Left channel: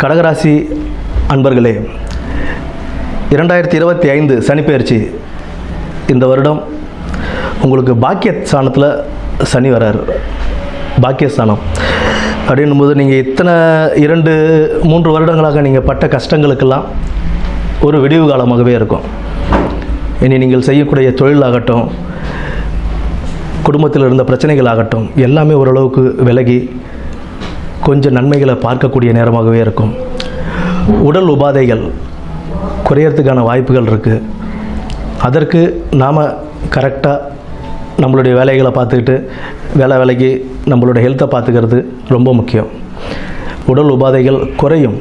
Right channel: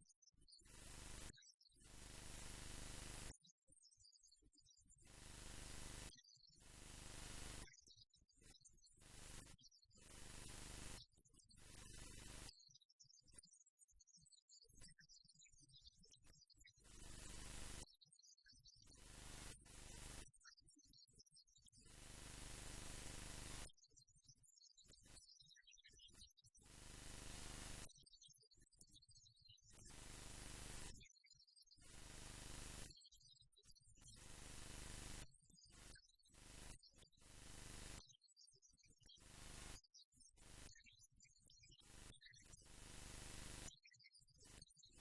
கடகராசி அன்பர்களே இரண்டாயிரத்தி இருபத்தி ஐந்து சனிப்பெயர்ச்சி இந்த வருடம் உங்களுக்கு பாக்கிய ஸ்தானத்தில் சனி வரார். பாக்கியஸ்தானம் அப்படின்னும்போது நீங்கள் இத்தனை இரண்டு மூன்று வருடங்களாக நீங்கள் பட்ட கஷ்டங்களுக்கெல்லாம் ஒரு விடிவு காலமாகவே இருக்கும். இனி நீங்கள் செய்யக்கூடிய தொழிலாகட்டும் குடும்பத்தில் இருந்த பிரச்சனைகள் ஆகட்டும் எல்லாமே ஓரளவுக்கு விலகி கொஞ்சம் நன்மைகளை பார்க்கக்கூடிய நேரமாகவே இருக்கும். உடல் உபாதைகள் குறையறதுக்கான வாய்ப்புகள் இருக்குது அதற்கு நாம் கரெக்டாக நம்மளுடைய வேலைகளை பார்த்துக்கிட்டு வேலை வேலைக்கு நம்மளோட ஹெல்த்தை பார்த்துக்கிறது ரொம்ப முக்கியம். உடல் உபாதைகள் குறையும்.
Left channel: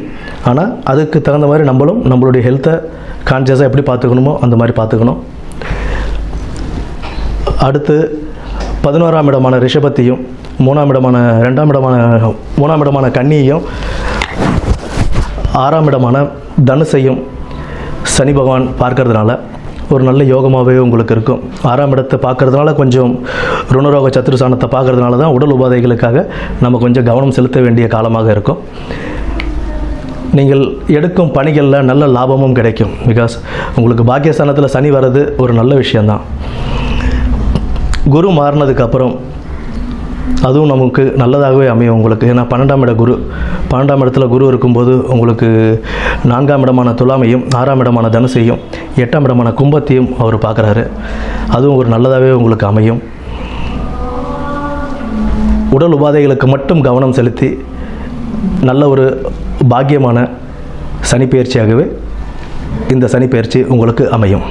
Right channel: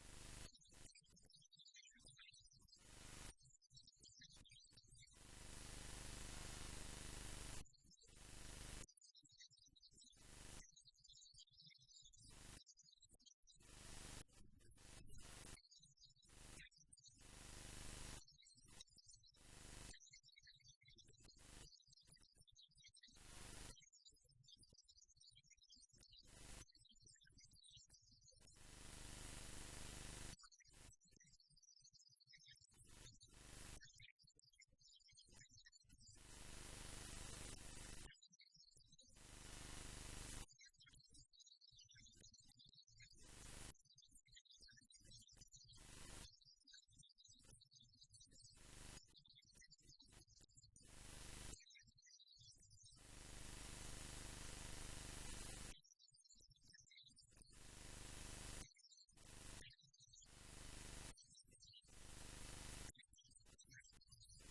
ஆனால் அதுக்கு தகுந்த மாதிரி நம்மளும் நம்மளுடைய ஹெல்த்தை கான்சியஸாக எப்படி பார்த்துக்கணுமோ அந்த மாதிரி பார்த்துக்கணும். அடுத்து பதினோராம் இடமான ரிஷபத்தையும் மூணாம் இடமான ரெண்டாம் இடமான மூணாம் இடமான கன்னியையும் ஆறாம் இடமான தனுசையும் சனி பகவான் பார்க்கறதுனால ஒரு நல்ல யோகமாகவே உங்களுக்கு இருக்கும். ஆறாம் இடத்தை பார்க்கறதுனால கொஞ்சம் ருணரோக சத்துருசானத்தை பார்க்கறதுனால தான் உடல் உபாதைகளுக்காக நம்ம கொஞ்சம் கவனம் செலுத்த வேண்டிய காலமாக இருக்கும். நீங்கள் எடுக்கும் பணிகளில் நல்ல லாபமும் கிடைக்கும். பிகாஸ் உங்களுக்கு பாக்கியஸ்தானத்தில் சனி வர்றது ஒரு நல்ல விஷயந்தான் குரு மாறினதுக்கப்புறம் அதுவும் நமக்கு நல்லதாகவே அமையும் உங்களுக்கு. ஏன்னா பன்னெண்டாம் இட குரு பன்னெண்டாம் இடத்துல குரு இருக்கும்போது உங்களுக்கு நான்காம் இடமான துலாமையும் ஆறாம் இடமான தனுசையும் எட்டாம் இடமான கும்பத்தையும் அவர் பார்க்குறாரு. அதுவும் ஒரு நல்லதாகவே உங்களுக்கு அமையும். உடல் உபாதைகளுக்கு மட்டும் கவனம் செலுத்தி நல்ல ஒரு பாக்கியமான சனிப்பெயர்ச்சியாகவே இந்த சனிப்பெயர்ச்சி உங்களுக்கு அமையும்.